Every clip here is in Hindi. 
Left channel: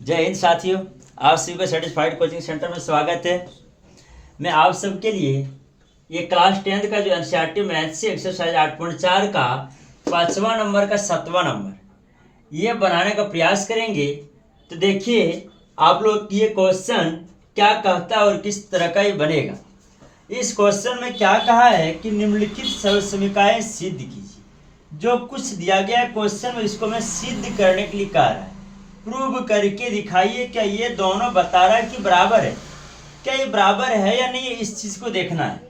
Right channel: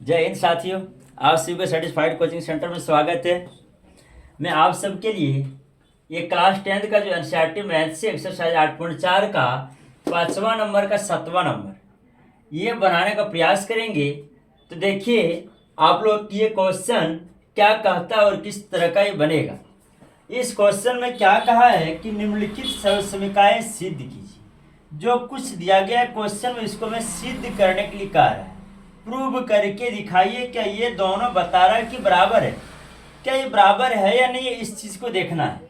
जय हिंद साथियों, आप सभी को सेटिस्फाइड कोचिंग सेंटर में स्वागत है। मैं आप सबके लिए ये क्लास 10th का जो एनसीईआरटी मैथ से एक्सरसाइज 8.4 का 5वां नंबर का 7वां नंबर ये बनाने का प्रयास करेंगे। तो देखिए आप लोग ये क्वेश्चन क्या कहता है और किस तरह का ये बनेगा। इस क्वेश्चन में क्या कहा है कि निम्नलिखित सर्वसमीकरण सिद्ध कीजिए। जो कुछ दिया गया है क्वेश्चन में इसको मैं सिद्ध करने के लिए कह रहा है। प्रूव करके दिखाइए क्या ये दोनों बता रहा है कि बराबर है, क्या ये बराबर है या नहीं, इस चीज को देखना है।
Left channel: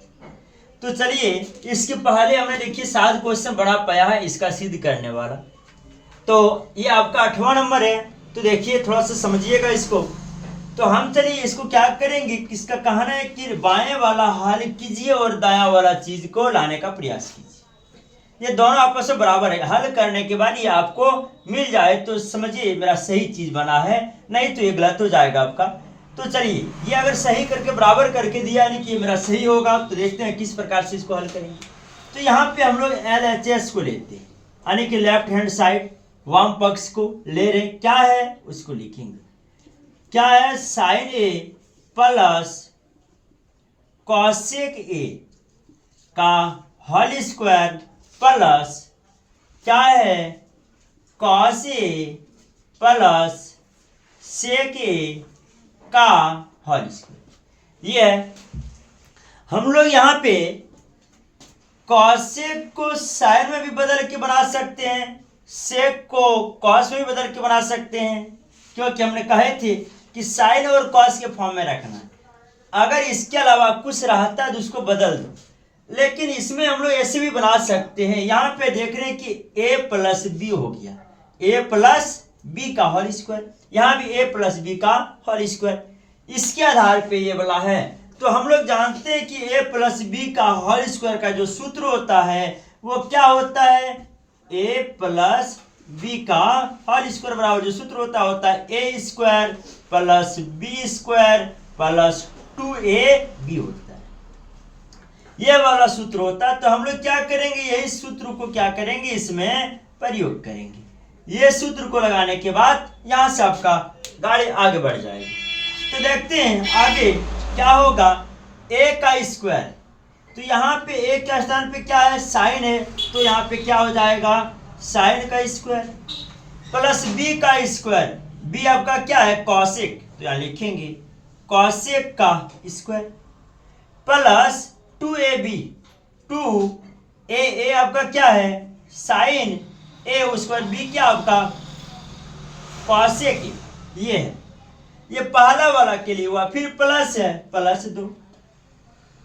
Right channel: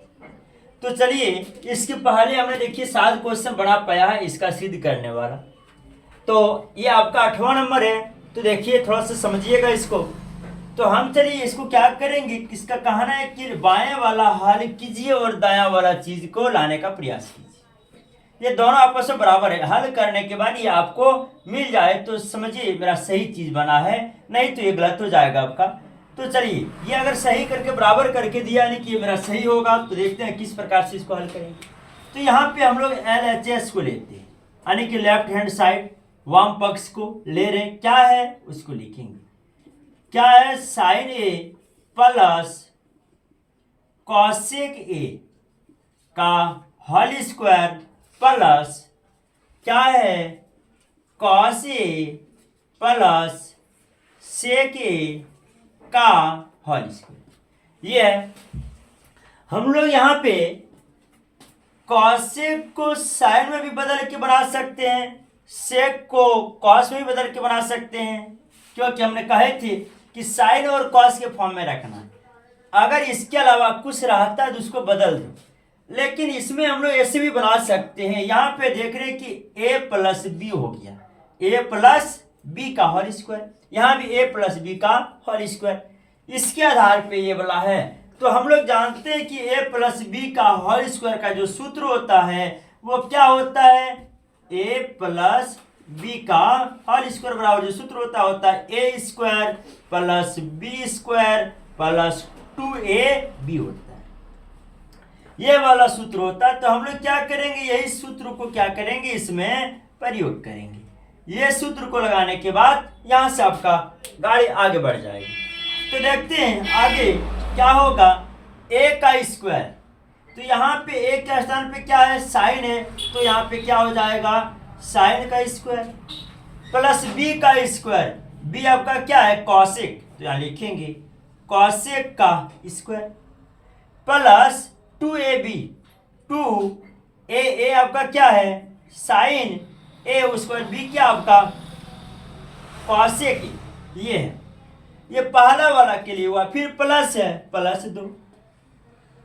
तो चलिए इसके पहले हमने देखिए 7 क्वेश्चन बड़ा पाया है इसका सिद्ध करने वाला। तो ये आपका 8वां नंबर है। तो देखिए थोड़ा सा समझिएगा इसको। तो हम चलिए इसको क्या करेंगे, इसका कहना है कि बाएं वाला हल कीजिए और दायां वाला चीज को लाने का प्रयास कीजिए। ये दोनों आपस में बराबर है। हल करने के बाद ये आपको मिल जाए तो समझिए मेरा सही चीज बना है, नहीं तो ये गलत हो जाएगा आपका। तो चलिए ये अगर सही करके बराबर करके दिया यानी कि ये मेरा सही होगा। तो देखते हैं किस प्रकार से इसको हल करेंगे। तो यहाँ पे हम लोग LHS को लेते हैं यानी कि लेफ्ट हैंड साइड वाम पक्ष को ले रहे। क्या है उसको लिखेंगे। क्या है sine A plus cosec A का होल स्क्वायर प्लस क्या है कॉस ए प्लस सेक ए का होल स्क्वायर। ये है हम लोग यहाँ पे कॉसेक को साइन में भी बदल के बना सकते हैं, सेक को कॉस में भी बदल के बना सकते हैं, क्योंकि हमने कहे थे कि साइन और कॉस के फॉर्म में रखना है। अगर इसके अलावा कुछ रहता है तो उसको बदल दो, लेकिन इसमें हम लोग ऐसे भी बना सकते हैं। यहाँ पे देख रहे हैं कि a प्लस बी हो गया, a प्लस बी का होल स्क्वायर, यहाँ भी a प्लस बी का होल स्क्वायर। इसके आधार पे ये वाला है। तो हम लोग जानते हैं कि a प्लस बी का होल स्क्वायर का जो सूत्र होता है वो क्या होता है, a प्लस बी का होल स्क्वायर बराबर जो सूत्र होता है a square plus B square plus 2ab होता है। ये वाला सूत्र होता है। तो हम लोग क्या करेंगे, यही सूत्र को क्या करेंगे इसमें प्रयोग करेंगे। ये सूत्र को लगाने के बाद यहां से आपका गाड़ी आगे बढ़ जाएगी। तो देखते हैं आगे क्या होगा, a का स्क्वायर। तो यहाँ पे a के स्थान पे क्या है साइन है, तो यहाँ पे क्या हो जाएगा साइन का स्क्वायर प्लस b का स्क्वायर। b आपका क्या है कॉसेक, तो यहाँ लिखेंगे कॉसेक का स्क्वायर प्लस 2ab। 2a आपका क्या है साइन a स्क्वायर, b क्या आपका कॉसेक। ये है, ये पहला वाला के लिए हुआ। फिर प्लस है प्लस 2।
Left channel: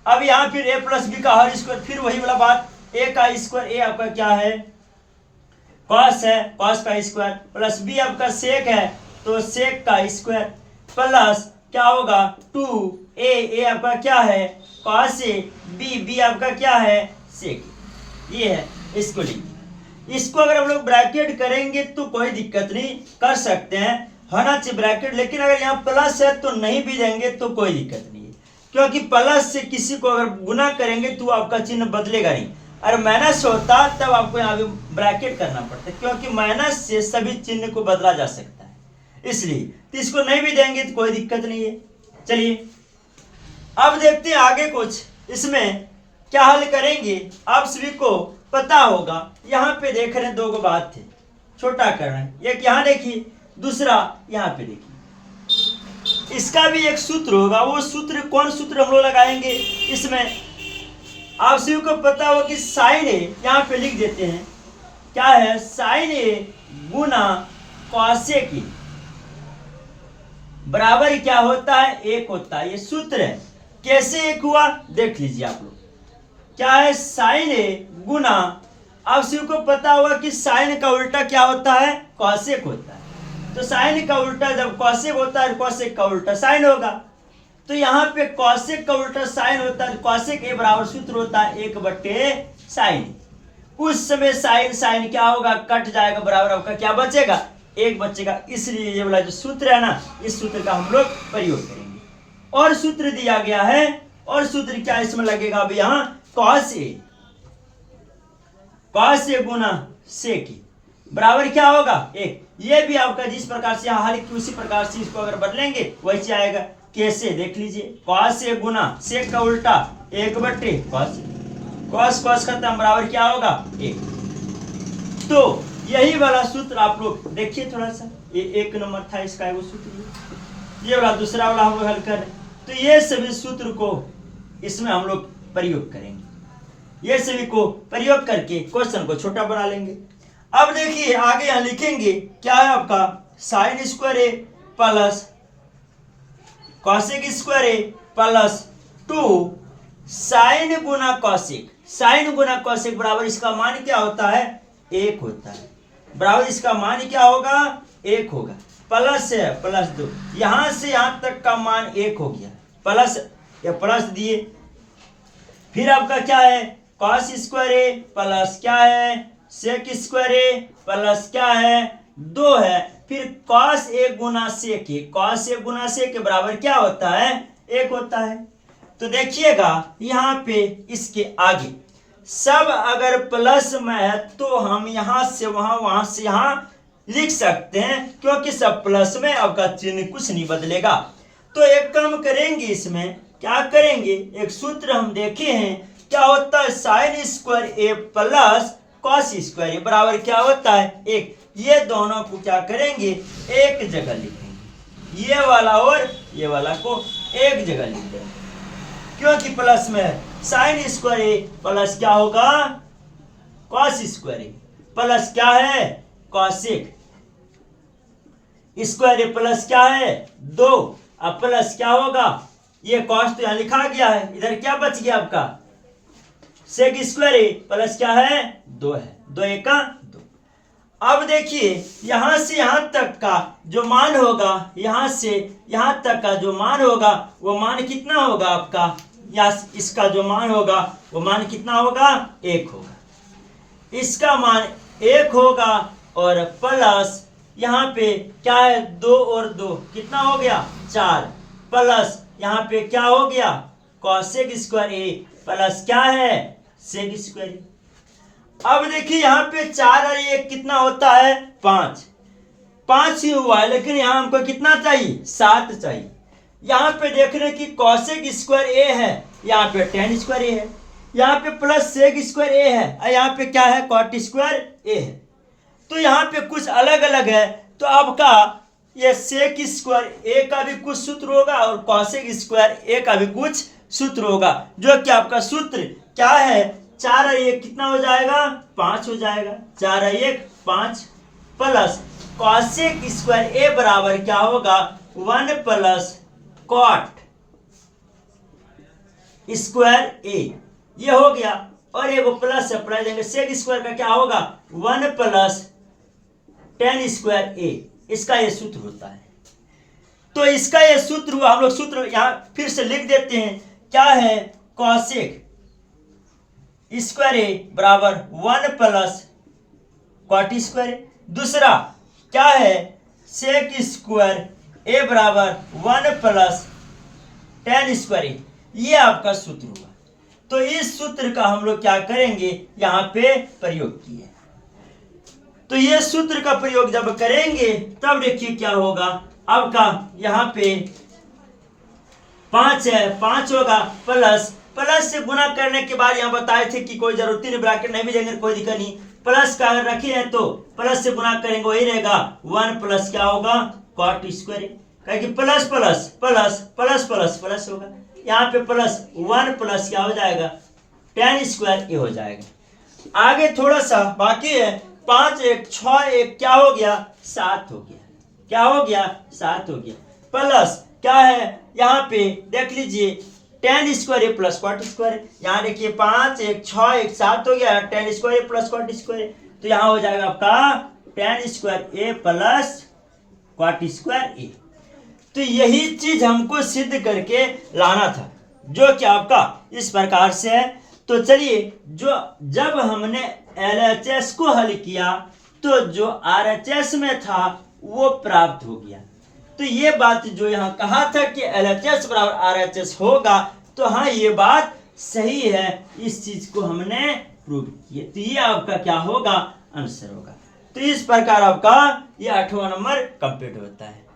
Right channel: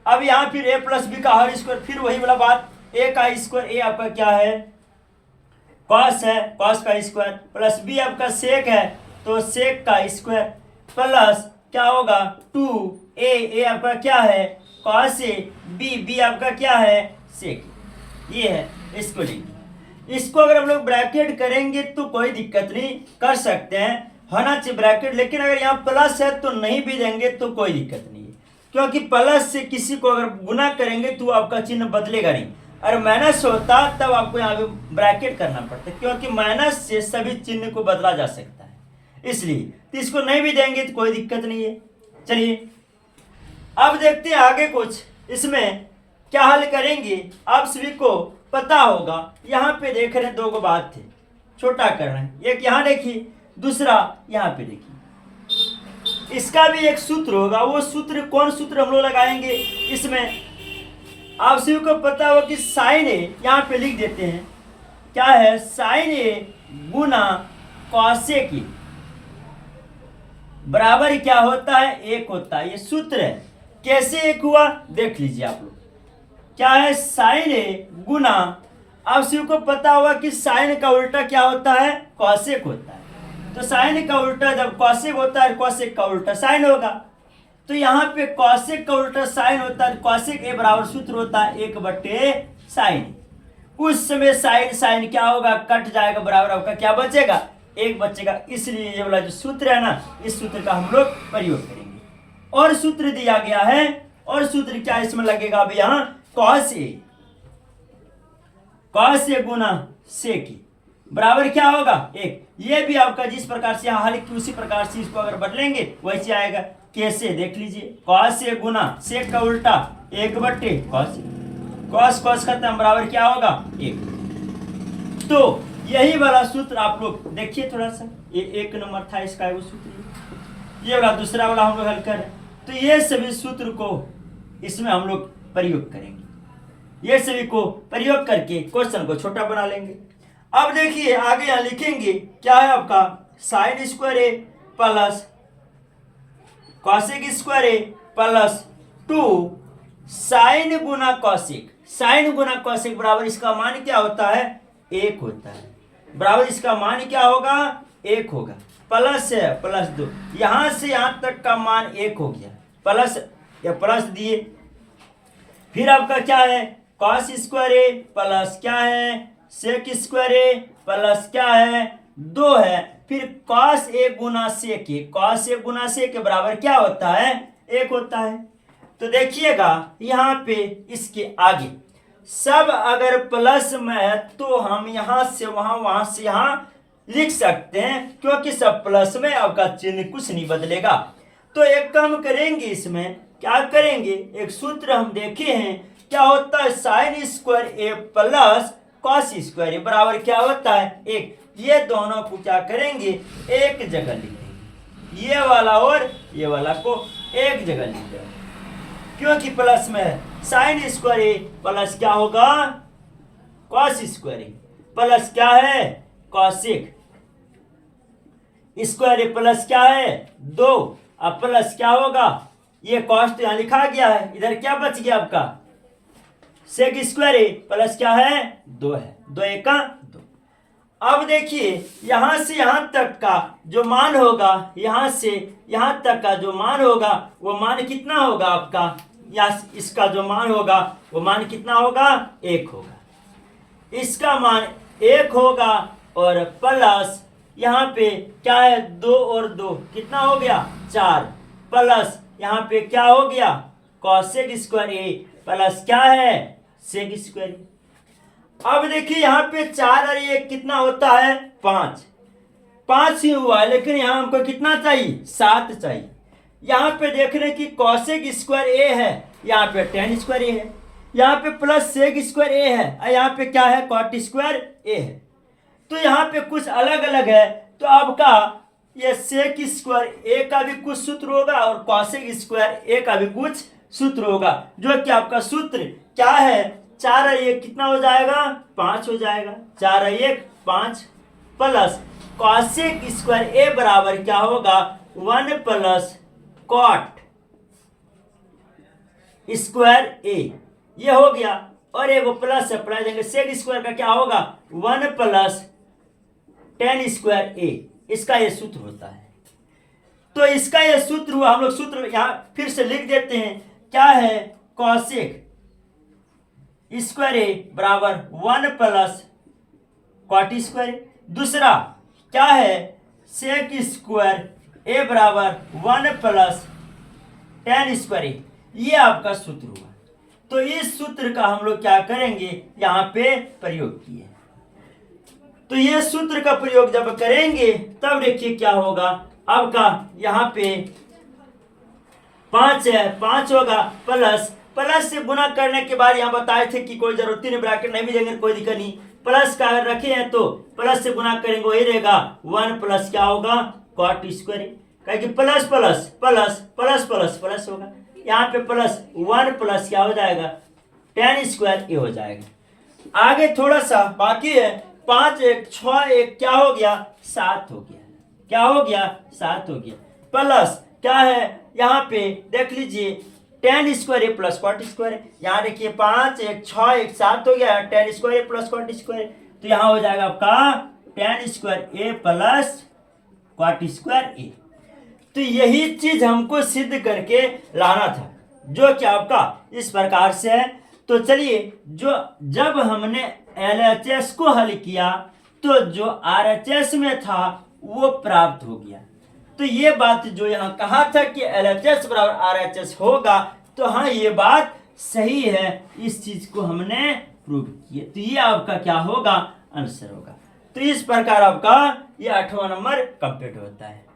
अब यहाँ फिर a प्लस बी का होल स्क्वायर, फिर वही वाला बात a का स्क्वायर। a आपका क्या है कॉस है, कॉस का स्क्वायर प्लस b आपका सेक है तो सेक का स्क्वायर प्लस क्या होगा 2a आपका क्या है कॉस ए, b आपका क्या है सेक। ये है, इसको लिखिए। इसको अगर हम लोग ब्रैकेट करेंगे तो कोई दिक्कत नहीं, कर सकते हैं, होना चाहिए ब्रैकेट। लेकिन अगर यहाँ प्लस है तो नहीं भी देंगे तो कोई दिक्कत नहीं है, क्योंकि प्लस से किसी को अगर गुना करेंगे तो आपका चिन्ह बदलेगा नहीं। अगर माइनस होता तब आपको यहाँ पे ब्रैकेट करना पड़ता, क्योंकि माइनस से सभी चिन्ह को बदला जा सकता है इसलिए। तो इसको नहीं भी देंगे तो कोई दिक्कत नहीं है। चलिए अब देखते हैं आगे कुछ इसमें क्या हल करेंगे। आप सभी को पता होगा यहाँ पे देख रहे हैं दो गो बात थे, छोटा कर रहे हैं। एक यहाँ देखिए, दूसरा यहाँ पे देखिए। इसका भी एक सूत्र होगा, वो सूत्र कौन सूत्र हम लोग लगाएंगे इसमें। आप सभी को पता होगा कि साइन ए यहाँ पे लिख देते हैं। क्या है साइन ए गुना कॉसेक ए बराबर क्या होता है 1 होता है। ये सूत्र है। कैसे 1 हुआ देख लीजिए आप लोग। क्या है साइन ए गुना, आप सभी को पता होगा कि साइन का उल्टा क्या होता है कॉसेक होता है। तो साइन का उल्टा जब कॉसेक होता है, कॉसेक का उल्टा साइन होगा। तो यहाँ पे कॉसेक का उल्टा साइन होता है, कॉसेक ए बराबर सूत्र होता है 1/साइन। उस समय साइन साइन क्या होगा कट जाएगा, बराबर आपका क्या बचेगा 1 बचेगा। इसलिए ये वाला जो सूत्र है ना, इस सूत्र का हम लोग प्रयोग करेंगे। और सूत्र दिया गया है, और सूत्र क्या इसमें लगेगा अब यहाँ कॉस ए गुना सेक। बराबर क्या होगा 1। ये भी आपका जिस प्रकार से यहाँ हल की उसी प्रकार से इसको अगर बदलेंगे वैसे आएगा। कैसे देख लीजिए, कॉस ए गुना सेक का उल्टा 1/cos, कॉस कॉस खत्म, बराबर क्या होगा 1। तो यही वाला सूत्र आप लोग देखिए थोड़ा सा, ये 1 नंबर था इसका वो सूत्र, ये वाला दूसरा वाला हम लोग हल कर रहे हैं। तो ये सभी सूत्र को इसमें हम लोग प्रयोग करेंगे, ये सभी को प्रयोग करके क्वेश्चन को छोटा बना लेंगे। अब देखिए आगे यहां लिखेंगे क्या है आपका साइन स्क्वायर ए प्लस कॉसेक स्क्वायर ए प्लस 2 साइन गुना कॉसेक, साइन गुना कॉसेक बराबर इसका मान क्या होता है 1 होता है, बराबर इसका मान क्या होगा 1 होगा, प्लस है प्लस 2, यहां से यहां तक का मान 1 हो गया, प्लस या प्लस दिए। फिर आपका क्या है कॉस स्क्वायर ए प्लस क्या है सेक स्क्वायर ए प्लस क्या है 2 है। फिर cos A Guna sec A, cos A गुना सेक के बराबर क्या होता है 1 होता है। तो देखिएगा यहाँ पे इसके आगे सब अगर प्लस में है तो हम यहां से वहां, वहां से यहां लिख सकते हैं, क्योंकि सब प्लस में, आपका चिन्ह कुछ नहीं बदलेगा। तो एक काम करेंगे, इसमें क्या करेंगे, एक सूत्र हम देखे हैं क्या होता है साइन स्क्वायर ए प्लस कॉस स्क्वायर ए बराबर क्या होता है 1। ये दोनों को क्या करेंगे एक जगह लिखेंगे, ये वाला और ये वाला को एक जगह लिखेंगे, क्योंकि प्लस में है। साइन स्क्वायर ए प्लस क्या होगा कॉस स्क्वायर ए प्लस क्या है कॉसेक स्क्वायर ए प्लस क्या है 2, अब प्लस क्या होगा ये कॉस तो यहां लिखा गया है, इधर क्या बच गया आपका सेक स्क्वायर ए प्लस क्या है 2 है, 2 एका 2। अब देखिए यहां से यहां तक का जो मान होगा, यहां से यहां तक का जो मान होगा वो मान कितना होगा आपका, या इसका जो मान होगा वो मान कितना होगा 1 होगा, इसका मान 1 होगा, और प्लस यहाँ पे क्या है 2 और 2 कितना हो गया 4, प्लस यहाँ पे क्या हो गया कॉसेक स्क्वायर ए प्लस क्या है सेक स्क्वायर ए। अब देखिए यहाँ पे 4 और 1 कितना होता है 5, 5 ही हुआ है, लेकिन यहाँ हमको कितना चाहिए 7 चाहिए। यहाँ पे देख रहे हैं कि कॉसेक स्क्वायर ए है, यहाँ पे टेन स्क्वायर ए है, यहाँ पे प्लस सेक स्क्वायर ए है, और यहाँ पे क्या है कॉट स्क्वायर ए है। तो यहाँ पे कुछ अलग अलग है, तो आपका ये सेक स्क्वायर ए का भी कुछ सूत्र होगा और कॉसेक स्क्वायर ए का भी कुछ सूत्र होगा, जो कि आपका सूत्र क्या है 4 और 1 कितना हो जाएगा 5 हो जाएगा, 4 और 1 5, प्लस कॉसेक स्क्वायर ए बराबर क्या होगा 1 प्लस कॉट स्क्वायर ए, ये हो गया, और एक प्लस है प्लस देंगे, सेक स्क्वायर का क्या होगा 1 प्लस टेन स्क्वायर ए, इसका ये सूत्र होता है। तो इसका ये सूत्र हुआ, हम लोग सूत्र यहां फिर से लिख देते हैं क्या है कॉसेक स्क्वायर ए बराबर 1 प्लस कॉट स्क्वायर, दूसरा क्या है सेक स्क्वायर ए बराबर 1 प्लस टेन स्क्वायर ए, ये आपका सूत्र हुआ। तो इस सूत्र का हम लोग क्या करेंगे यहाँ पे प्रयोग किए, तो ये सूत्र का प्रयोग जब करेंगे तब देखिए क्या होगा, आपका यहाँ पे 5 है 5 होगा, प्लस प्लस से गुना करने के बाद यहाँ बताए थे कि कोई जरूरत नहीं, ब्रैकेट नहीं भी देंगे कोई दिक्कत नहीं, प्लस का अगर रखे हैं तो प्लस से गुना करेंगे वही रहेगा 1 प्लस क्या होगा कॉट स्क्वायर, कहे कि plus plus plus plus plus plus होगा, यहाँ पे प्लस 1 प्लस क्या हो जाएगा टेन स्क्वायर ए हो जाएगा। आगे थोड़ा सा बाकी है, 5 1 6 1 क्या हो गया 7 हो गया, क्या हो गया 7 हो गया, प्लस क्या है यहाँ पे देख लीजिए टेन स्क्वायर ए प्लस कॉट स्क्वायर, यहाँ देखिए 5 1 6 1 7 हो गया, टेन स्क्वायर ए प्लस कॉट स्क्वायर, तो यहाँ हो जाएगा आपका टेन स्क्वायर ए प्लस कॉट स्क्वायर ए। तो यही चीज हमको सिद्ध करके लाना था, जो कि आपका इस प्रकार से है। तो चलिए जो जब हमने LHS को हल किया तो जो RHS में था वो प्राप्त हो गया। तो ये बात जो यहाँ कहा था कि LHS बराबर RHS होगा, तो हाँ ये बात सही है, इस चीज को हमने प्रूव किया, तो ये आपका क्या होगा आंसर होगा। तो इस प्रकार आपका ये 8वां नंबर कंप्लीट होता है।